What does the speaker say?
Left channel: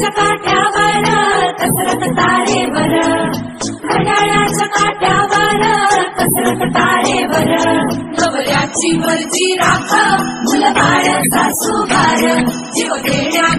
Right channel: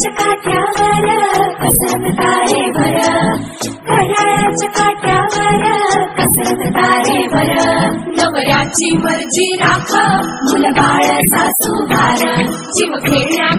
घड्याळाच्या काठ्यावर कसरत तारेवर, घड्याळाच्या काठ्यावर कसरत तारेवर. नवऱ्याची मर्जी राख, मुलबाळ सासूबार, जीव खेळण्या